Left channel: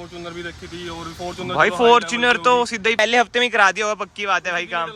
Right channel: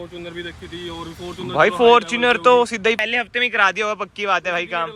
Fortuner भी देखी थी और फॉर्च्यूनर भाई फॉर्च्यूनर तो सीधा ही पहले हफ्ते में ही करा दिया होगा, पक्की बात है भाई काम।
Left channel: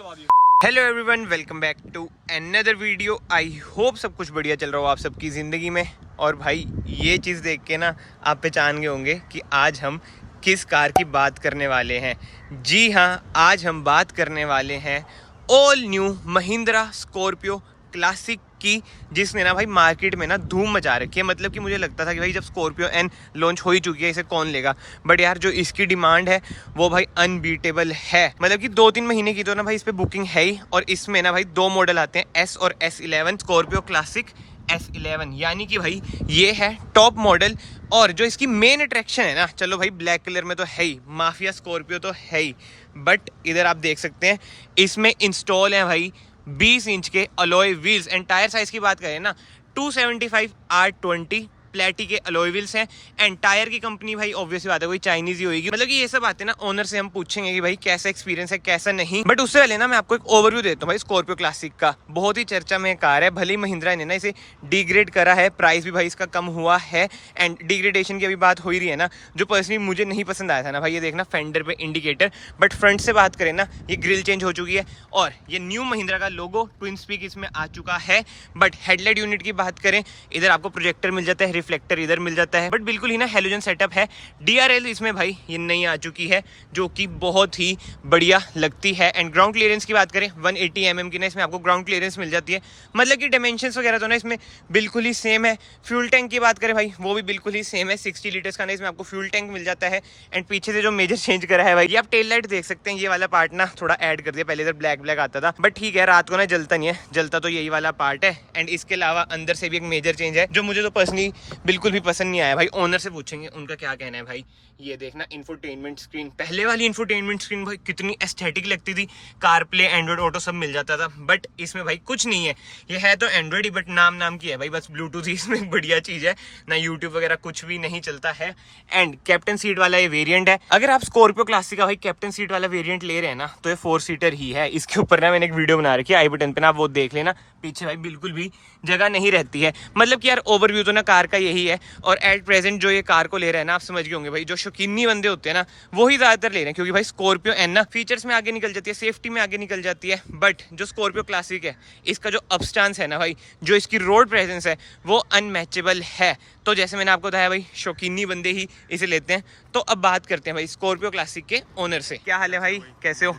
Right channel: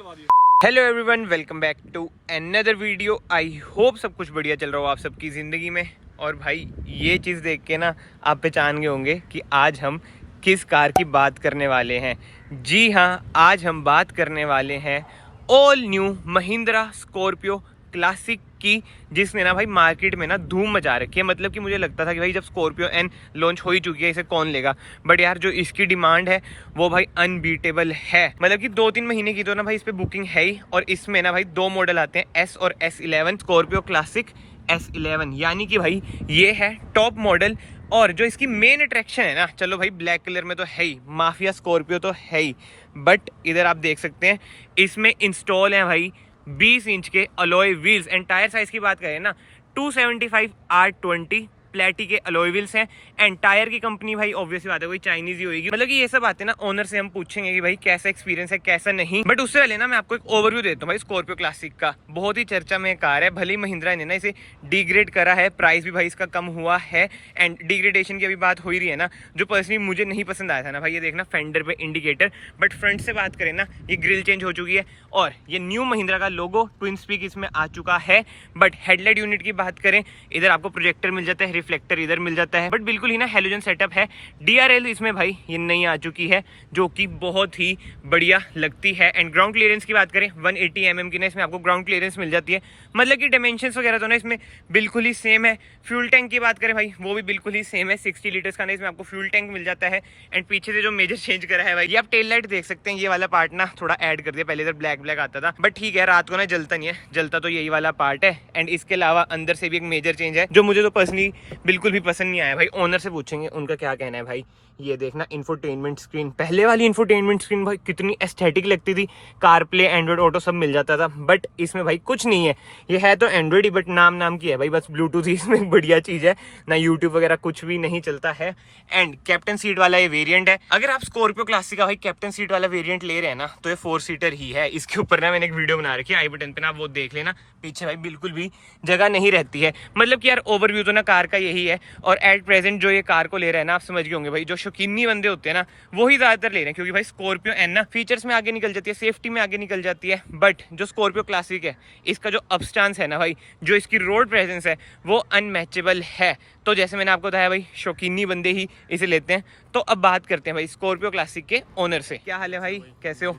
Hello everyone, welcome back to another video. I hope सब कुछ बढ़िया चल रहा हो आप सबकी ज़िंदगी में। और भाई ये चीज़ देख के ना आप पहचान गए होंगे कि आज हम किस कार की बात करने वाले हैं। जी हाँ, आज हम बात करने वाले हैं all new Mahindra Scorpio classic की, जिसने ना भाई मार्केट में ना धूम मचा रखी है। मतलब कि मुझे लगता था कि भाई जब स्कॉर्पियो एन लॉन्च हो ही चुकी है, इसे कौन लेगा, बट यार जो इसकी डिमांड है वो भाई अनबीटेबल है। मतलब कि 2-3 महीने की तो ना भाई इस पे बुकिंग है ही। और इसमें ना भाई 2 मॉडल आते हैं, एस और S11, स्कॉर्पियो क्लासिक S11, यानी कि भाई ये है टॉप मॉडल। और जो इसकी मेन अट्रैक्शन है ना, चलो भाई ब्लैक कलर में तो है ही, माफिया स्कॉर्पियो तो है ही, बट इधर आप देख सकते हैं इसमें इंस्टॉल है भाई 20 इंच के alloy wheels. And tyre size की बात करें ना, 275 R20 प्लेटी के अलॉय व्हील्स हैं। एंड टायर की कंपनी भाई ऑब्वियसली बात है कोई चाइनीज ही होगी। मतलब कि ये सब बातें ना ओनर से हम पूछेंगे कि भाई कैसा एक्सपीरियंस है कैसा नहीं। बट उससे पहले ना मैं आपको एक ओवरव्यू देता हूँ भाई स्कॉर्पियो क्लासिक का। बहुत ही चर्चा में कार है, भले ही महिंद्रा ने ना इसे डिग्रेड करा है, प्राइस भी भाई इसका कम हुआ है। एंड डिग्रेडेशन की अभी बात हो ही रही है ना, जो पर्सनली मुझे नहीं पसंद आया था ना भाई, ये देखना फेंडर पे इंडिकेटर। बट फ्रंट से बात करें ना, ये ग्रिल चेंज हो चुकी है और ये न्यू महिंद्रा का लोगो ट्विन स्पीक इसमें आ चुका है। बट हेडलाइट यूनिट की बात करें, इधर आपको प्रोजेक्टर मिल जाता है, रिफ्लेक्टर इधर मिल जाता है, बट बिल्कुल ही ना हेलोजन सेटअप है। DRL इसमें भाई ये नई आ चुकी है, जो कि बहुत ही बढ़िया लगती है। एंड ग्राउंड क्लियरेंस की बात करें, 180 mm की ना इसमें आपको ग्राउंड क्लियरेंस मिल जाती है। मतलब कि डायमेंशंस वगैरह तो ना इसमें बिल्कुल ही सेम है। फ्यूल टैंक की बात करें भाई, वो भी बिल्कुल ही सेम है, 60 लीटर्स का ना इसमें आपको फ्यूल टैंक मिल जाता है। एंड पीछे से जो मेजर चेंज करा है भाई, ये आप टेल लाइट देख सकते हैं, ये वाला पार्ट ना थोड़ा ऐड कर दिया, पहले इधर ब्लैक ब्लैक आता था, बट ठीक है, रात को ना जलता नहीं है, जलता तो यही वाला पार्ट है। एंड इसके अलावा अंदर से भी एक मेजर चेंज है, जो मुझे तो पर्सनली बिल्कुल भी पसंद नहीं आया भाई। ओनर से पूछेंगे उनका क्या कहना है भाई। ये देखना इंफोटेनमेंट स्क्रीन, पहले वाली इंफोटेनमेंट स्क्रीन भाई कितनी एस्थेटिक लगती थी, कार प्ले एंड्रॉइड ऑटो सब मिल जाता था, बट इसमें भाई कुछ नहीं है। ये है तो एंड्रॉइड ही, बट नाम की है भाई, बस ब्लूटूथ ही इसमें बढ़िया चीज है, ना यूट्यूब वगैरह कुछ भी नहीं चलता है। एंड कैप्टन सीट वाला ये वेरिएंट है। अगर आप स्कॉर्पियो क्लासिक का भाई कैप्टन सीट वाला वेरिएंट ले रहे हैं ना, तो ये 4 सीटर ही है। इसके ऊपर ना मैंने एक वीडियो बना रखी है, आई बटन पे ना आप वो देख लेना, पीछे भाई बिल्कुल भी जगह नहीं रहती है। मतलब कि यार ओवरव्यू तो ना कार का यही है। और एट प्रेजेंट जो ये कार को ले रहे हैं ना, आप समझ गए होंगे भाई, जो शौकीनी बंदे होते हैं ना वो ही ज्यादातर ले रहे हैं, क्योंकि भाई स्कॉर्पियो एन ना फीचर्स में आगे निकल जाती है, सेफ्टी में आगे निकल जाती है। बट जो स्कॉर्पियो क्लासिक है, इसका जो अपस्टांस है ना भाई, जो इसकी रोड प्रेजेंस है, वो अनमैचेबल है। तो जैसे मैंने आपको बताया भाई, शौकीनी बंदे ही इसे लेते हैं। तो अब बात करते हैं भाई स्कॉर्पियो क्लासिक के ओनर से। क्या हाल है भाई, कैसे हो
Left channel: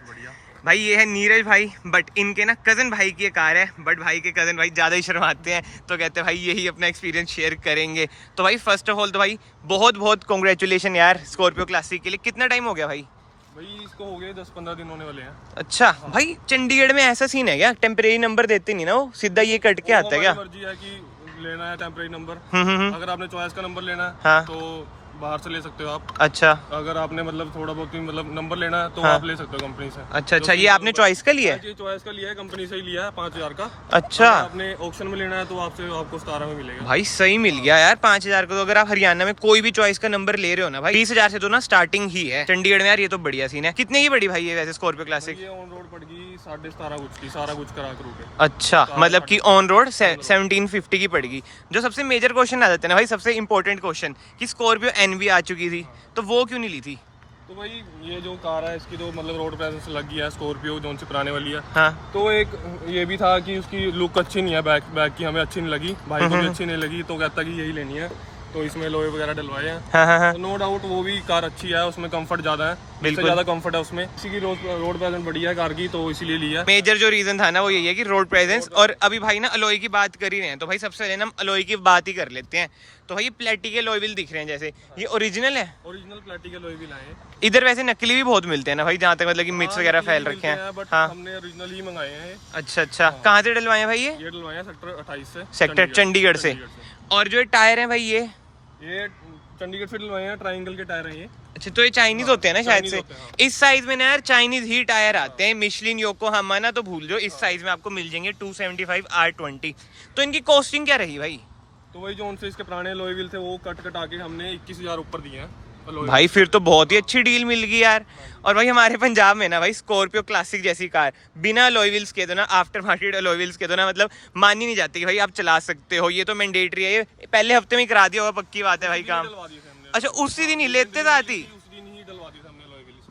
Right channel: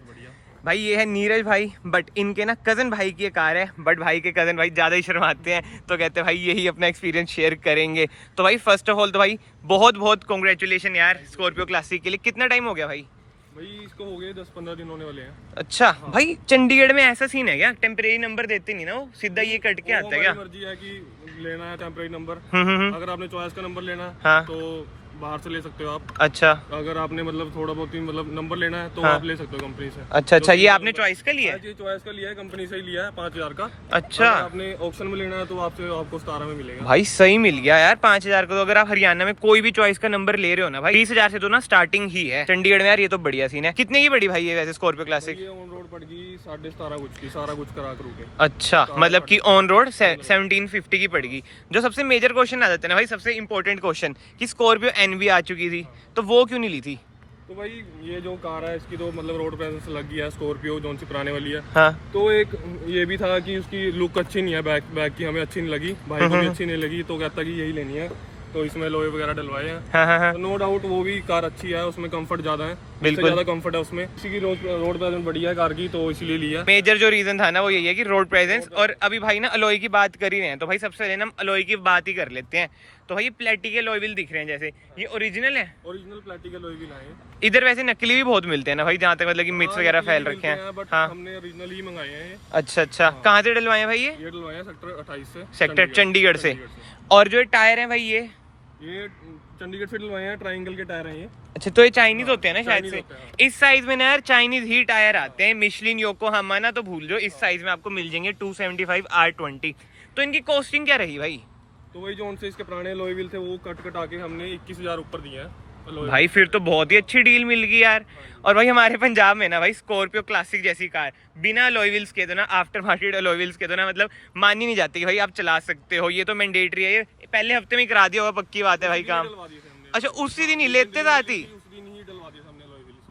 भाई? ये है नीरज भाई, बट इनके ना कज़न भाई की ये कार है, बट भाई के कज़न भाई ज़्यादा ही शर्माते हैं, तो कहते हैं भाई यही अपना एक्सपीरियंस शेयर करेंगे। तो भाई फर्स्ट ऑफ ऑल तो भाई बहुत बहुत कॉन्ग्रेचुलेशन यार स्कॉर्पियो क्लासिक के लिए। कितना टाइम हो गया भाई? भाई इसको हो गए 10-15 दिन होने वाले हैं। अच्छा हाँ। भाई चंडीगढ़ में ऐसा सीन है क्या, टेम्परेरी नंबर देते नहीं ना, वो सीधा ये कट के आता है क्या? मर्जी है कि लेना है टेम्परेरी नंबर। अगर आपने चॉइस का नंबर लेना है हाँ। तो बाहर से ले सकते हो आप। अच्छा, अगर आपने मतलब थोड़ा बहुत ही मतलब नंबर लेना है तो हाँ। आप ले सकते हो कंपनी से। अच्छा, ये आपने चॉइस का लिया है? जी चॉइस का लिया है, कंपनी से ही लिया है, 5000 का। अच्छा, आपने ऑक्शन में लेना है तो आपको 17 में मिलेगा भाई। सही मिल गया यार 5000 का। तो अगर आप हरियाणा में कोई भी चॉइस का नंबर ले रहे हो ना भाई, 20,000 से तो ना स्टार्टिंग ही है चंडीगढ़ में यार। ये तो बढ़िया सीन है। कितने की पड़ी भाई ये वैसे स्कॉर्पियो क्लासिक? ये ऑन रोड पड़ गई 17.5 कुछ की, सारा कुछ करा करू के। अच्छा, मतलब कि ऑन रोड 1750 की पड़ेगी। जो सबसे मेजर क्वेश्चन आ जाते हैं ना भाई, सबसे इंपॉर्टेंट क्वेश्चन, कि स्कॉर्पियो एन भी आ चुकी थी, तो वो क्यों नहीं ली थी? तो भाई ये जो कार है इसकी तो मतलब रोड प्रेजेंस लग गया है, स्कॉर्पियो जो सी पुराने वाली है। हाँ। तो एक ये भी था कि उसकी लुक अच्छी नहीं है, बैक की हमें अच्छी नहीं लगी, भाई को भी अच्छी नहीं लगी, तो कहता कि यही लेनी है, तो इसमें लोहे वगैरह डलवाए हैं। हाँ। तो नो डाउट वो भी कार अच्छी है, उसमें कंफर्ट ज्यादा है, बिल्कुल ज्यादा कंफर्ट है उसमें। इसी की रोड प्रेजेंस बढ़िया है कार की, तो इसीलिए लिया। मेजर जो रीजन था ना वो यही है कि रोड प्रेजेंस। और अभी भाई ना अलॉय की बात कर ही रहे हैं, तो भाई सबसे पहले ना हम अलॉय की बात ही कर लेते हैं। तो भाई ये प्लेटी के अलॉय व्हील दिख रहे हैं, जैसे ये ओरिजिनल है? ओरिजिनल प्लेटी के अलॉय व्हील है। इधर वैसे नकली भी बहुत मिलते हैं ना भाई, जहाँ तक मतलब कि मिक्स वगैरह फैल रखे हैं। हाँ, हमने ओरिजिनल ही मंगाए हैं। अच्छा, कहाँ से डलवाए हैं भाई? ये डलवाए हैं सेक्टर 28 से, सेक्टर चंडीगढ़ से। और जो टायर है भाई ये चंडीगढ़ से डलवाए हैं, ट्रायंगल के टायर हैं ये। अच्छा, तो ये चाइनीज होते हैं ना शायद से? इस साइज में ना यार चाइनीज ही टायर आते हैं, मिशलिन योकोहामा ना, तो भूल जाओ। इस साइज में आपको मिल जाएंगे 275 R20। तो इनकी कॉस्टिंग क्या रही भाई? तो वही जो उनसे इसके पुराने अलॉय व्हील थे वो कट के हमने 21,000 ऊपर दिए हैं भाई। फिर तो बहुत ही अच्छी डील मिल गई यार। और भाई हमारे पंजाब में ना भाई स्कॉर्पियो क्लासिक जैसी कार बिना अलॉय व्हील्स के, तो ना आफ्टर मार्केट अलॉय व्हील्स के, तो ना मतलब मानी नहीं जाती कि भाई आप चला सकते हो। ये तो मैंडेटरी है, ये पहले हफ्ते में करा दिया होगा, पक्की बात है भाई काम। अच्छा, उसी दिन ही लेते थे आती?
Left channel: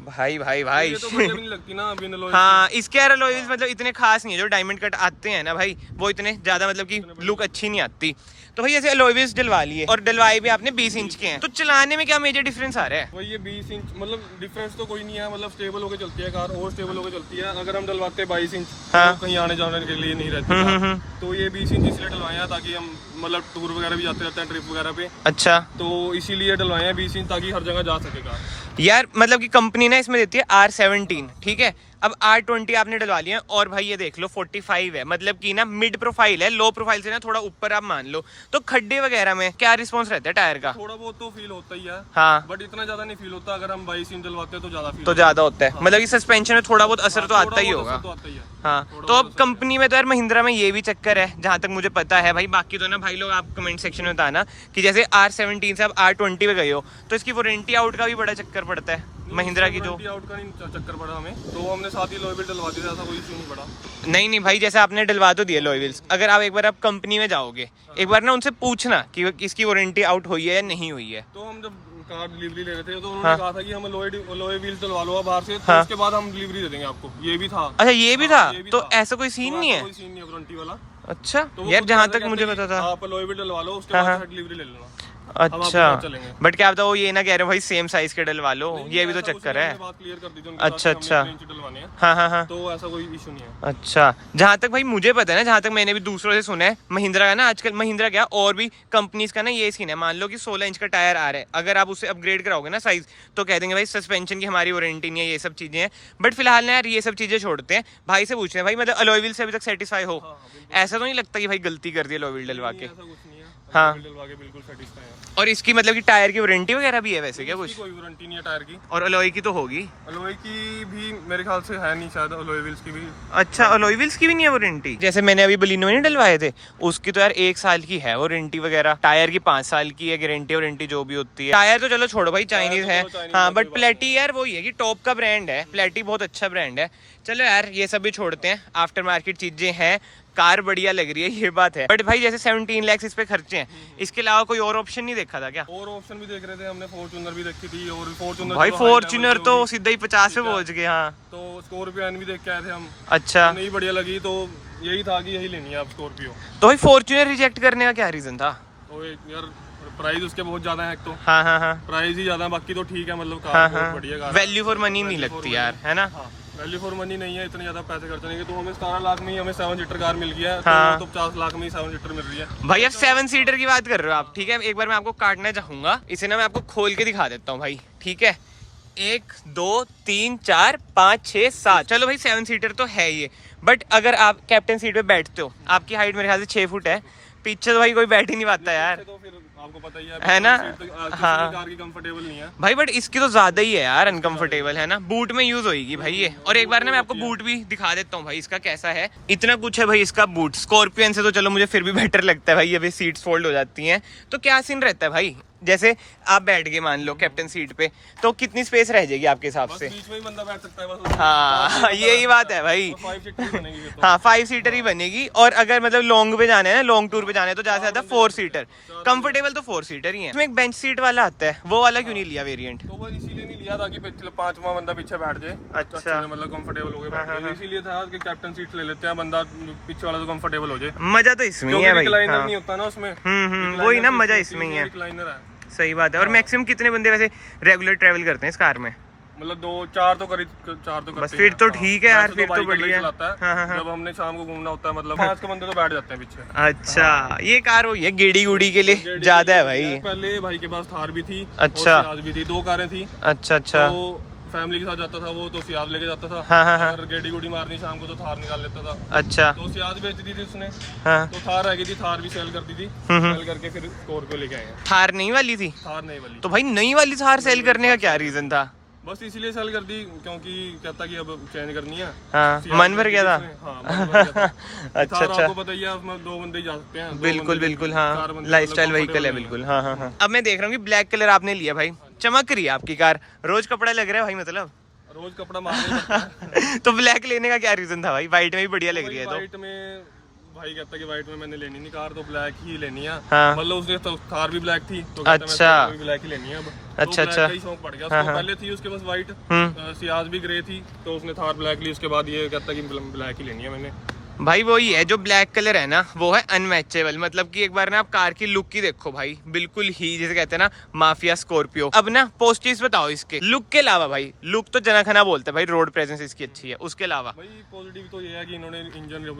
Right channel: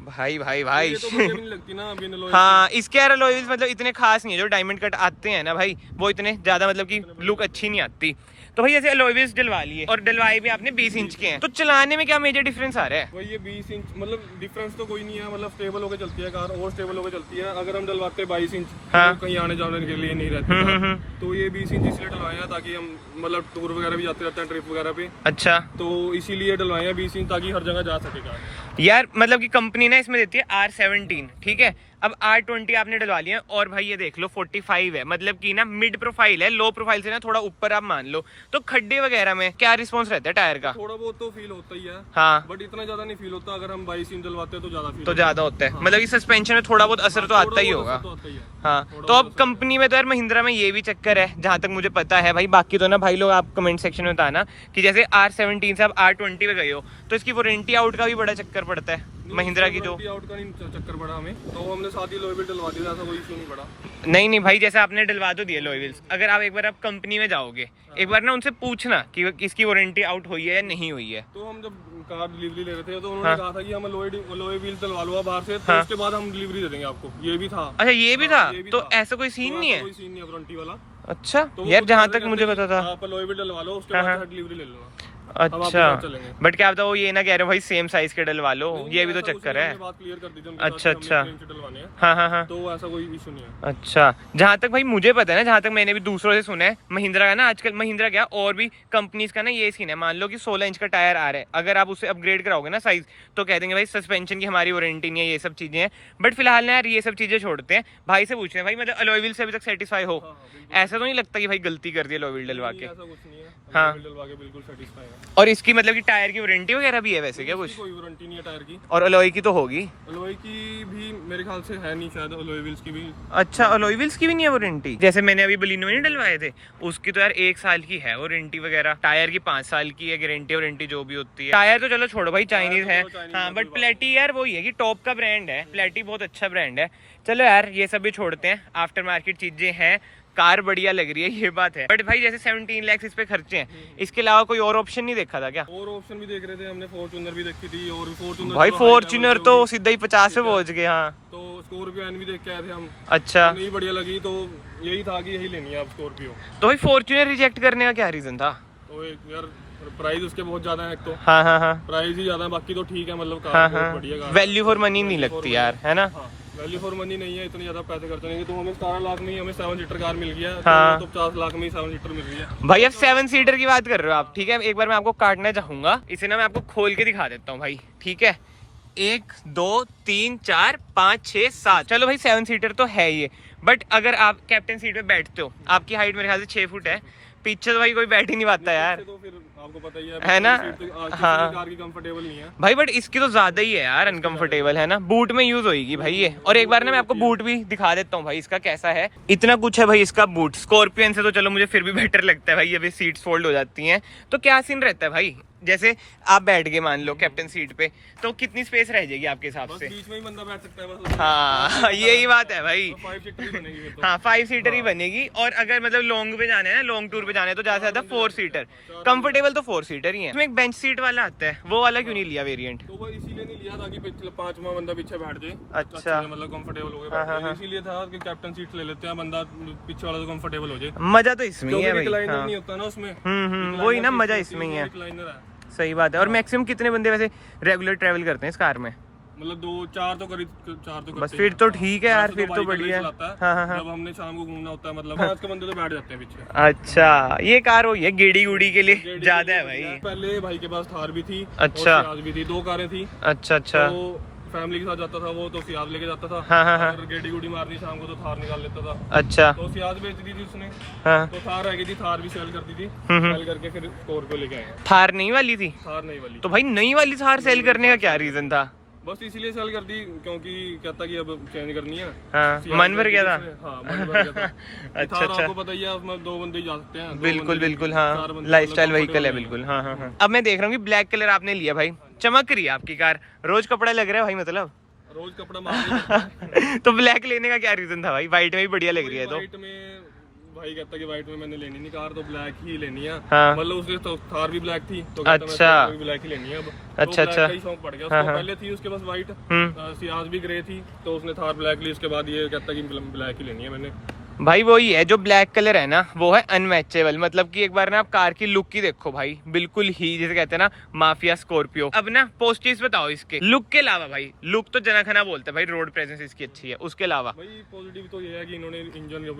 भाई भाई भाई ये तो बढ़िया भी नहीं लगती ना बिन alloy हाँ, इसके यार alloy wheels मतलब इतने खास नहीं है। जो डायमंड कट आते हैं ना भाई, वो इतने ज्यादा मतलब कि लुक अच्छी नहीं आती। तो भाई ऐसे alloy wheels डलवा लिए, और डलवाए भी आपने 20 इंच के हैं। तो चलाने में क्या मेजर डिफरेंस आ रहा है? वही ये 20 इंच, मतलब डिफरेंस तो कोई नहीं है, मतलब स्टेबल होकर चलती है कार, और स्टेबल होकर चलती है। अगर हम डलवाते हैं 22 इंच हाँ। तो कहीं आने जाने के लिए नहीं रहती कार। तो ये 20 इंच इसलिए डलवाए हैं ताकि हम मतलब टूर वगैरह भी जाते रहते हैं, ट्रिप वगैरह पे, अच्छा, तो इसीलिए डलवाए हैं 20 इंच ताकि हर जगह जा सके कार। यार मतलब कि कंपनी ना इसमें देती है R17, ठीक है। अब R20 आपने डलवा लिया, और भाई ये देख लो 45 है, मतलब कि ना मिड प्रोफाइल है, लो प्रोफाइल से ना थोड़ा ऊपर आप मान लो। तो खड्डे वगैरह में क्या रिस्पॉन्स रहता है टायर का? थोड़ा बहुत तो फील होता ही है, हाँ, बट इतना ज्यादा नहीं फील होता। अगर हम 22 इंच डलवाते हैं तो ज्यादा फील तो ज्यादा होता है, मतलब कि सस्पेंशन में थोड़ा बहुत असर तो आता ही होगा। तो आता ही है। हाँ, तो अब कंपनी में तो यार महिंद्रा में ये भी चक्कर है जहां तक मुझे पता है भाई। बाकी तो ना भाई लोग आप कमेंट सेक्शन में बताना कि जैसे R17 से आप R20 पे गए हो तो इसकी वारंटी आउट का भी बड़ा चक्कर पड़ता है महिंद्रा की। जो आउट का नहीं चक्कर पड़ा हमें, तो हमने साथ ही लोहे डलवा दिया, ऐसा कोई इशू नहीं पड़ा। नहीं भाई, जैसे आपने डलवा तो दिए अलॉय व्हील्स, अगर आप एक बार आप कंपनी में जाओगे, एक बार ना उनसे पूछना कि इसकी वारंटी आउट हुई है या नहीं हुई है। तो हम जब कार डिलीवरी ले रहे थे तो उन्होंने कहा था कि हम लोहे व्हील्स डलवा लो बाहर से, तो उसके बाद हम डिलीवरी दे देंगे आपको। ये भी था। अच्छा, ये भी था? ये भी तो था। ऐसा कोई सीन नहीं है? कोई सीन नहीं है वारंटी वाला। अच्छा तो यार, जहाँ तक मुझे पता था। आप लोहे व्हील डलवा लो, उसके बाद डिलीवरी ले लेना। अच्छा, बट क्या पता वो ये ना कह रहे हो भाई सेम साइज के डलवा लो, ये भी तो चक्कर है। बात क्लियर कर दी थी। अच्छा अच्छा, डलवाने हैं, हाँ हाँ हाँ, तो ऐसा कोई इशू नहीं है। अच्छा, जहाँ तक भाई मुझे पता है ना, जहाँ तक मैंने भी दूसरों से सुना है, महिंद्रा का ना आजकल, महिंद्रा क्या और भी कंपनीज का ना ये सीन है। मान लो कि 16 इंच का टायर आ रहा है, अगर आप उसे अपग्रेड कराओगे ना साइज, तो कह देंगे भाई सस्पेंशन की हमारी वारंटी नहीं है, ये सब चीजें हैं। बट फिलहाल ना यार ये सब चीजें छोड़ते हैं, भाई से पूछते हैं भाई मतलब अलॉय व्हील से अभी तक सेटिस्फाई हो? ऐसा तो नहीं लगता कि भाई गलती कर दी अलॉय व्हील डलवा के? ऐसा कुछ नहीं है, हाँ, डलवा के बिल्कुल सेटिस्फाई है। और इसकी मतलब कि टायर की वारंटी वगैरह भी है वैसे क्या कुछ? कोई वारंटी नहीं है टायर की। और अलॉय की तो होगी? अलॉय की भी मेरे ख्याल से है नहीं, शायद अलॉय व्हील्स की भी। अच्छा, अलॉय व्हील्स की भी नहीं है वारंटी? जैसे मैंने अभी बलिनो में नहीं डलवाए थे, उसकी तो यार 1 साल की है वारंटी वगैरह। टायर की 5 साल की है गारंटी वारंटी जो भी होती है। टायर तो चलो छोड़ो भाई, चाइनीज है। हाँ, बट प्लेटी यार वही है कि टॉप का ब्रांड है, प्लेटी बहुत अच्छा ब्रांड है। चलो यार ये सब भी छोड़ते हैं, आफ्टर मार्केट चीजें हैं, कार बढ़िया लग रही है ये बात है। बट भाई जैसे 17 लाख इस पे खर्चे हैं, इसके अलावा कोई और ऑप्शन नहीं देखा था क्या? और ऑप्शन भी देख रहे थे हमने, फॉर्च्यूनर भी देखी थी, और फॉर्च्यूनर भाई फॉर्च्यूनर तो सीधा ही 50 पे पहुंच गए। हाँ, तो स्कॉर्पियो भी देख के आए थे हम। अच्छा, नहीं बढ़िया लगी, तो यही था कि यही लेनी है आप स्कॉर्पियो। तो भाई फॉर्च्यूनर रिजेक्ट करने का क्या रीजन था? तो यार प्राइस उसके बहुत ज्यादा है, एक तो हाँ हाँ हाँ, प्राइस ही ज्यादा है, बाकी तो ठीक है, मतलब हाँ कार हाँ, बहुत बढ़िया कार। वैल्यू फॉर मनी नहीं लगती यार, है ना? वैल्यू फॉर मनी नहीं है, इतने ज्यादा पैसे खर्च नहीं है। तो हमें 17 लाख में ही हमें 7 सीटर कार मिल गया है, हाँ। तो 50 लाख में ही 7 सीटर मिल रही है भाई। अब 7 सीटर की बात कर रहे हो आप, ठीक है। एक बार मैं आपको काटना चाहूंगा, इसे ना मैं आपको खोल के दिखा देता हूँ भाई, ठीक है। 1 2 3 4 5 6 7, चलो भाई 7 सीटर तो है ये। बट अगर आप कैप्टन सीट पे बैठते हो, आपकी हाइट मेरे ख्याल से 6 फुट है, पीछे तो भाई कोई बैठ ही नहीं पाता यार, तो फिर आपको पता ही है ना? हाँ, कार की कंफर्टेबल नहीं है भाई, बट इसकी तो ज्यादा ही है यार अनकंफर्टेबल, है ना? बूट में यूज होगी भाई ये। और एक बार ना मैं आपको बूट भी दिखा देता हूँ भाई इसका कैसा है। इतना कुछ है भाई इसका बूट। स्कॉर्पियन से तो चलो मुझे फिर भी बेटर लगता है भाई, अभी सीट्स फोल्ड हो जाती हैं। तो क्या सीन रहता है भाई, जैसे आप बैठ गए मान लो कैप्टन सीट पे, तो कितनी स्पेस रह जाएगी आपके हिसाब से? बीच में ही बंदा बैठ सकता है बस। हाँ, यही बात है भाई। 5 सीटर बनेगी फिर तो। हाँ, 5 सीटर ही बनेगी। और अगर मतलब लॉन्ग पे जाना है ना, लॉन्ग टूर पे जाना है, तो ज्यादा से ज्यादा 4 सीटर। कंफर्टेबल तो 4 सीटर ही है। इसमें एक बेंच सीट वाला आता है, वो वाला क्यों नहीं लिया वेरिएंट? तो वो इसीलिए नहीं लिया ताकि पिछले 5वां बंदा पीछे बैठ जाए, अच्छा, मतलब कंफर्टेबल हो गए। इसीलिए था कि कैप्टन सीट ले लेते हैं, बंदा पीछे वाला तो कंफर्टेबल हो जाए। मजा तो इसमें ही है भाई। रिक्लाइनर नहीं होता ना उसमें। वही ना, मजा इसमें ही है। रिक्लाइनर है, सही बात है। और मैक्सिमम कितने बंदे वैसे रेगुलर ट्रैवल करते हैं इस कार में? मतलब 2-4 तो करीब 4 तो बस फिर तो ठीक है यार, फिर तो बढ़िया। हाँ हाँ हाँ। जब हमने शाम को घूमना होता है, मतलब 5 के बंदे तो बैठ जाते हैं पीछे। अच्छा, ये कार वही है गेड़ी गुड़ी के लिए ज्यादा है भाई। पहले भाई के पास थार भी थी, अच्छा, और सियाज भी थी, 2 कारें थी। अच्छा अच्छा, तो फैमिली के साथ जाता था वो, तो सियाज लेके जाता था। हाँ हाँ हाँ, अगर गेड़ी गुड़ी मारनी शाम को तो थार निकाल लेता था। अच्छा, तो सियाज बेच दी थी उसने, हाँ, तो थार रह गई थी, थार भी सेल कर दी थी। सेल करके फिर स्कॉर्पियो लेके आए। थार नई वाली थी? थार नहीं वाली। तो भाई नई वाली थार सेल करने का क्या रीजन था? बस इसीलिए सेल कर दी क्योंकि कहता कि अब चेंज करनी है। हाँ, मन भर गया था। हाँ, मन भर गया था। अच्छा थार अच्छा, आपको पता ही है, उसमें 2 बंदे ही जा सकते हैं। बिल्कुल बिल्कुल, हाँ, लाइफस्टाइल व्हीकल है बिल्कुल। हाँ हाँ हाँ। अब मैं देख रहा हूँ कि ब्लैक कलर आपने लिया भाई, चमक रही है आपकी कार, रोज कपड़ा लग रहा है भाई, मतलब रोज कपड़ा मारने तो ब्लैक लेने का क्या रीजन था भाई? व्हाइट में भी बढ़िया लग रही है। तो वाइट में भाई कहता है कि व्हाइट में मैंने लेनी नहीं कार, तो ब्लैक ही लेनी है। हाँ। मतलब उसने तो थार भी ब्लैक थी, तो अच्छा ब्लैक ही लेनी है अब। अच्छा अच्छा का ही शौक पड़ गया उसको। पहले थी उसके पास व्हाइट, सियाज भी ग्रे थी, तो उसने थार ब्लैक ली। उसके बाद ये कहता है कि ब्लैक ही लेनी है मैंने। भाई वही है, जो ब्लैक कलर है ना वो है अनमैचेबल। मतलब कि एक बार ना आप कार की लुक ही देखो भाई, बिल्कुल ही जिसे कहते हैं ना माफिया स्कॉर्पियो। अब ना पॉजिटिव्स बताओ इसके लुक के अलावा। भाई लुक तो जना खना बोलते हैं भाई, रोड प्रेजेंस इसकी अच्छी है। उसके अलावा भाई पॉजिटिव तो ये है कि इन्होंने इंजन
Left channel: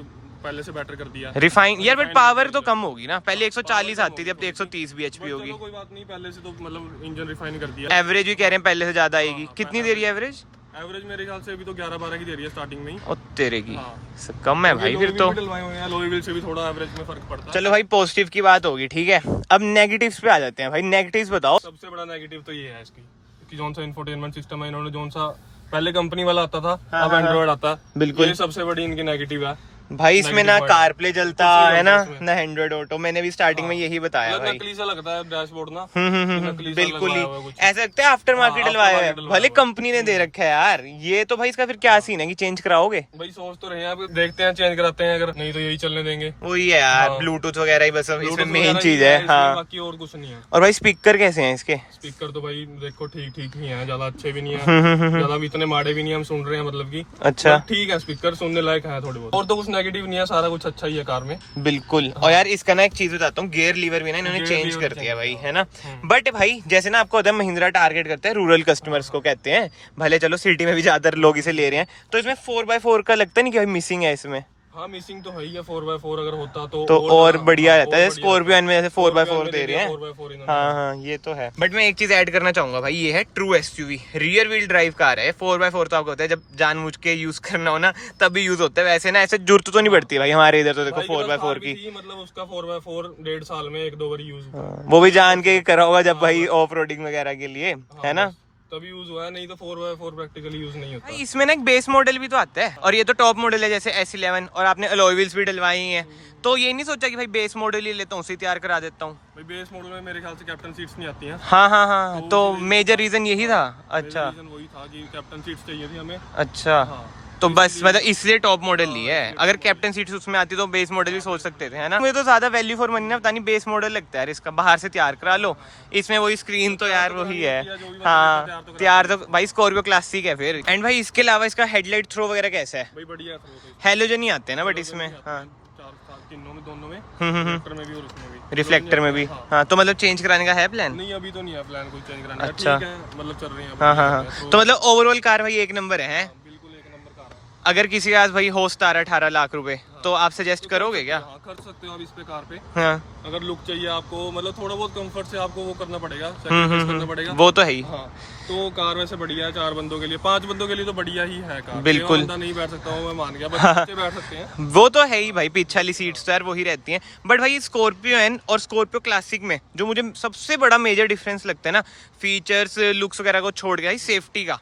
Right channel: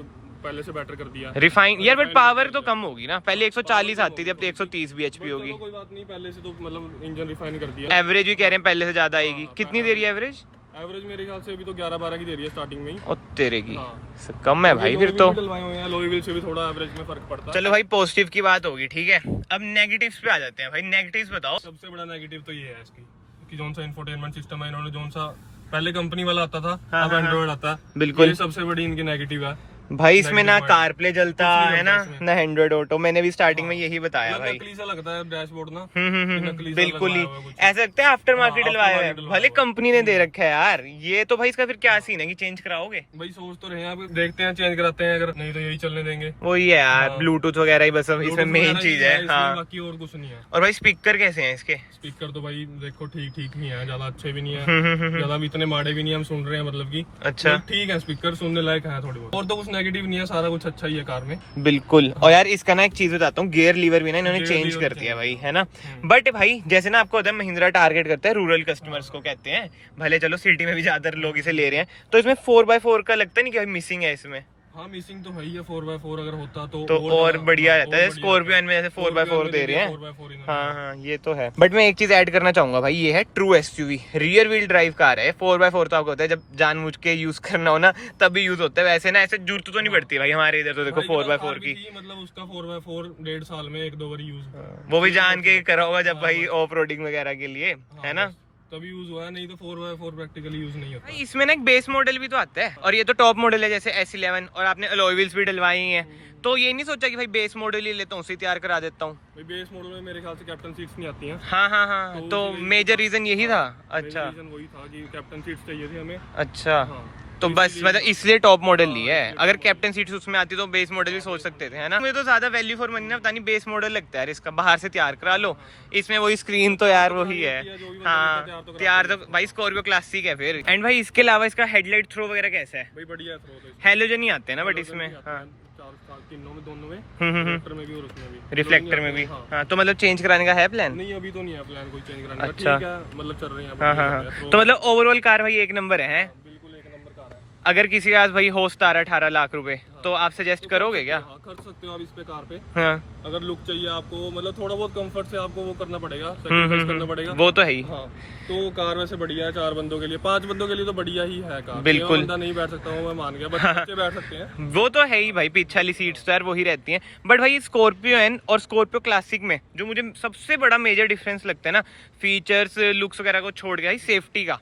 पहले से बेटर कर दिया, रिफाइन यार, बट पावर तो कम होगी ना। पहले 140 आती थी, अब तो 130 bhp होगी। कोई बात नहीं, पहले से तो मतलब इंजन रिफाइन कर दिया। एवरेज भी कह रहे हैं पहले से ज्यादा आएगी। कितनी दे रही है एवरेज? एवरेज मेरे ख्याल से अभी तो 11-12 की दे रही है स्टार्टिंग में ही। ओ तेरे की हाँ। कम है भाई फिर तो। डलवाए हुए हैं, लोई व्हील से भी थोड़ा एवरेज में फर्क पड़ता है। चलो भाई पॉजिटिव की बात होगी, ठीक है। अब नेगेटिव्स पे आ जाते हैं भाई। नेगेटिव्स बताओ। सबसे बड़ा नेगेटिव तो ये है इसकी कि जोन सा इंफोटेनमेंट सिस्टम है इन्होंने, जोन सा पहले कंपनी वाला आता था, अब एंड्रॉइड आता है। बिल्कुल। ये सबसे बड़ी इनकी नेगेटिव है भाई। इसमें ना कार प्ले चलता है ना, ना एंड्रॉइड ऑटो। मैंने भी स्टार्टिंग में यही बताया भाई। नकली सा लगता है डैशबोर्ड ना। बिल्कुल ही ऐसा लगता है आफ्टर मार्केट डलवाया है, भले कंपनी ने दे रखा है यार। ये तो भाई इसका फिर क्या सीन है कि चेंज कराओगे? भाई सोच तो रहे हैं, अब देखते हैं चेंज कराते हैं, अगर नहीं तो यही चलने देंगे। वही है यार, ब्लूटूथ वगैरह ही बस इसमें मेन चीज है। हाँ, बाकी और कुछ नहीं है। और भाई स्पीकर कैसे हैं इसके? स्पीकर तो भाई देखो ठीक ठीक ही है, ज्यादा अच्छे भी नहीं है, ज्यादा भी इतने माड़े भी नहीं, हम सुन रहे हैं मतलब की। अच्छा ठीक है, स्पीकर सुनने लायक है थोड़े बहुत, और तो कुछ नेगेटिव नहीं है, सारा कुछ अच्छा ही है कार में। बिल्कुल। और यार इसका ना एक चीज बताता हूँ, गियर लीवर भी ना इन्होंने चेंज कर दिया भाई, है ना। बट भाई जैसे ना आपको होता है महिंद्रा टारगेट करता है रूरल कस्टमर्स को, कहते हैं भले चलो सिटी में भी ज्यादातर लोग इसे ले रहे हैं, तो इसमें 4x4 का लगता नहीं कि भाई मिसिंग है इसमें? हाँ मिसिंग तो है ही है, 4x4 अगर होता तो और बढ़िया रहता है। स्कॉर्पियो में जैसे 4x4 दे रहे हैं। 4x4 हाँ हाँ ये तो है। बट मैं एक चीज ऐड करना चाहूंगा भाई, ये है true SUV, rear wheel drive car है। 4x4 तो आपको होता है जब जानबूझ के यूज करना हो ना तभी यूज होता है, वैसे ना ऐसे जरूरत तो नहीं पड़ती भाई हमारे इधर तो। देखो 4x4 की मतलब उसका 4x4 1.5 साल में 1-2 बार यूज, वो भी जान के करा होगा जब भाई ऑफ रोडिंग वगैरह के लिए, है ना, तभी यूज हुआ है, नहीं तो 4x4 प्रैक्टिकली यूज नहीं होता। इसमें ना एक बेस मॉडल भी तो आता है, और ये तो टॉप मॉडल है जैसे S11, और आपने अलॉय व्हील्स भी डलवाई हैं। तो ये नहीं सोचा कि भाई बेस मॉडल ही लेता हूँ, उसे तैयार करा देता हूँ? भाई बेस मॉडल में मेरे ख्याल से कैप्टन सीट्स नहीं आती हैं। हाँ हाँ हाँ, तो मेजर रीजन यही था। अच्छा, रीजन वही था कि कैप्टन सीट्स चाहिए थी हमें। अच्छा तो बस मतलब इसलिए टॉप मॉडल लिया है। अगर कैप्टन सीट्स उसमें आती तो बेस मॉडल भी सोच सकते थे, है ना। मुझे तो ज्यादा वैल्यू फॉर मनी ना, पता नहीं बेस मॉडल लगता है यार इसका, बाहर से तैयार करा लो। इसमें वही स्क्रीन तो यार वही है। हाँ तैयार तो भाई स्कॉर्पियो क्लासिक है फिर। एंड भाई इसके अलावा इसका हेडलाइट थ्रो वगैरह कैसा है? भाई बढ़िया है, हेलोजन ही आते हैं ना बट इसमें। हाँ तीनों में, दोनों में, रिफ्लेक्टर में भी और उसमें भी। रिफ्लेक्टर में भी। हाँ तो मतलब चेंज कराने का है प्लान? नहीं अभी तो नहीं है प्लान कोई चेंज कराने का। अच्छा। ठीक है, मतलब चल रही है। हाँ हाँ हाँ, तो मतलब ओवरऑल कार भाई एक नंबर है। बिल्कुल एक नंबर कार है। अगर किसी के पास भाई हो 17-18 लाख रुपए तो आप सजेस्ट करोगे क्या? हाँ कर सकते हो आप इस पे कार पे। हाँ अगर लुक चाहिए आपको, मतलब थोड़ा बहुत कंफर्ट से आपको वो करना पड़ेगा, सैक्रिफाइस करना पड़ेगा, वो तो है ही। हाँ तो कार वैसे बढ़िया है 4 बंदों के लिए, 5 बंदों के लिए तो बढ़िया ही है कार। बिल्कुल। बंदा नहीं बैठ सकता हूँ मैं मान गया, बच्चे बैठ सकते हैं। वो तो है ही भाई, पीछे वाली सीट्स तो यार वही रहती हैं। बट भाई स्कॉर्पियो एन और स्कॉर्पियो क्लासिक में जो मुझे सबसे बड़ा मेजर डिफरेंस लगता है ना, फीचर्स लुक्स वगैरह को छोड़ के भाई सेफ्टी का।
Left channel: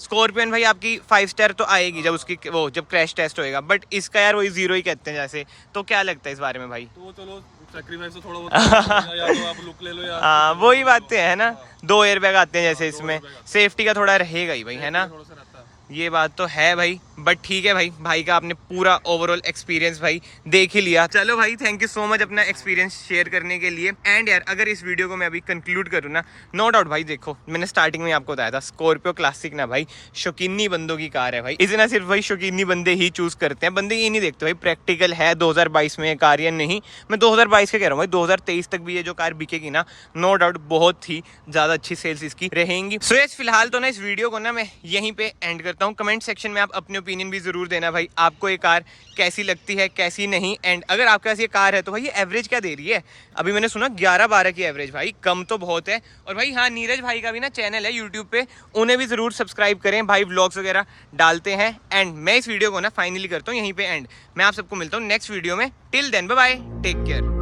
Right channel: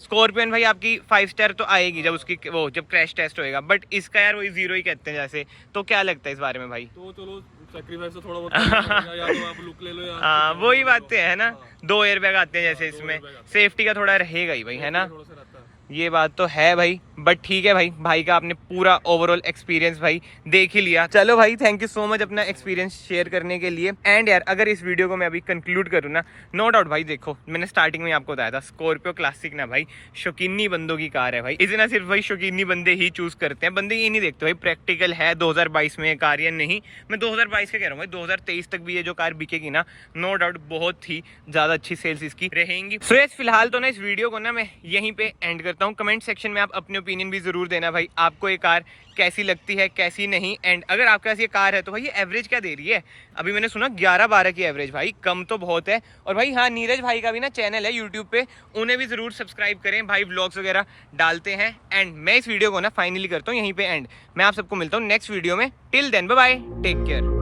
स्कॉर्पियन भाई आपकी 5 स्टार तो आएगी जब उसकी वो जब क्रैश टेस्ट होएगा, बट इसका यार वही 0 ही कहते हैं जैसे। तो क्या लगता है इस बारे में भाई? तो चलो सैक्रिफाइस तो थोड़ा बहुत या तो आप लुक ले लो या हाँ वही बातें है ना। 2 एयरबैग आते हैं जैसे इसमें, सेफ्टी का थोड़ा रहेगा ही भाई, है ना। थोड़ा सा रहता है। ये बात तो है भाई। बट ठीक है भाई का आपने पूरा ओवरऑल एक्सपीरियंस भाई देख ही लिया। चलो भाई थैंक यू सो मच अपना एक्सपीरियंस शेयर करने के लिए। एंड यार अगर इस वीडियो को मैं अभी कंक्लूड करूँ ना, नो डाउट भाई देखो मैंने स्टार्टिंग में आपको बताया था स्कॉर्पियो क्लासिक ना भाई शौकीनी बंदों की कार है भाई। इसे ना सिर्फ भाई शौकीनी बंदे ही चूज करते हैं, बंदे ये नहीं देखते भाई प्रैक्टिकल है 2022 में कार या नहीं। मैं 2022 के कह रहा हूँ भाई, 2023 तक भी ये जो कार बिकेगी ना, नो डाउट बहुत ही ज्यादा अच्छी सेल्स इसकी रहेंगी। सो यस फिलहाल तो ना इस वीडियो को ना मैं यहीं पे एंड करता हूँ। कमेंट सेक्शन में आप अपने ओपिनियन भी जरूर देना भाई, आपको ये कार कैसी लगती है कैसी नहीं। एंड अगर आपके पास ये कार है तो भाई ये एवरेज क्या दे रही है? अभी मैंने सुना 11-12 की एवरेज, भाई कम तो बहुत है। और भाई हाँ नीरज भाई का भी ना चैनल है यूट्यूब पे, उन्हें भी जरूर सब्सक्राइब करें भाई, व्लॉग्स वगैरह डालते हैं। एंड मैं इस वीडियो को ना फाइनली करता हूँ यहीं पे एंड। मैं आप सबको मिलता हूँ नेक्स्ट वीडियो में। Till then bye bye, take care.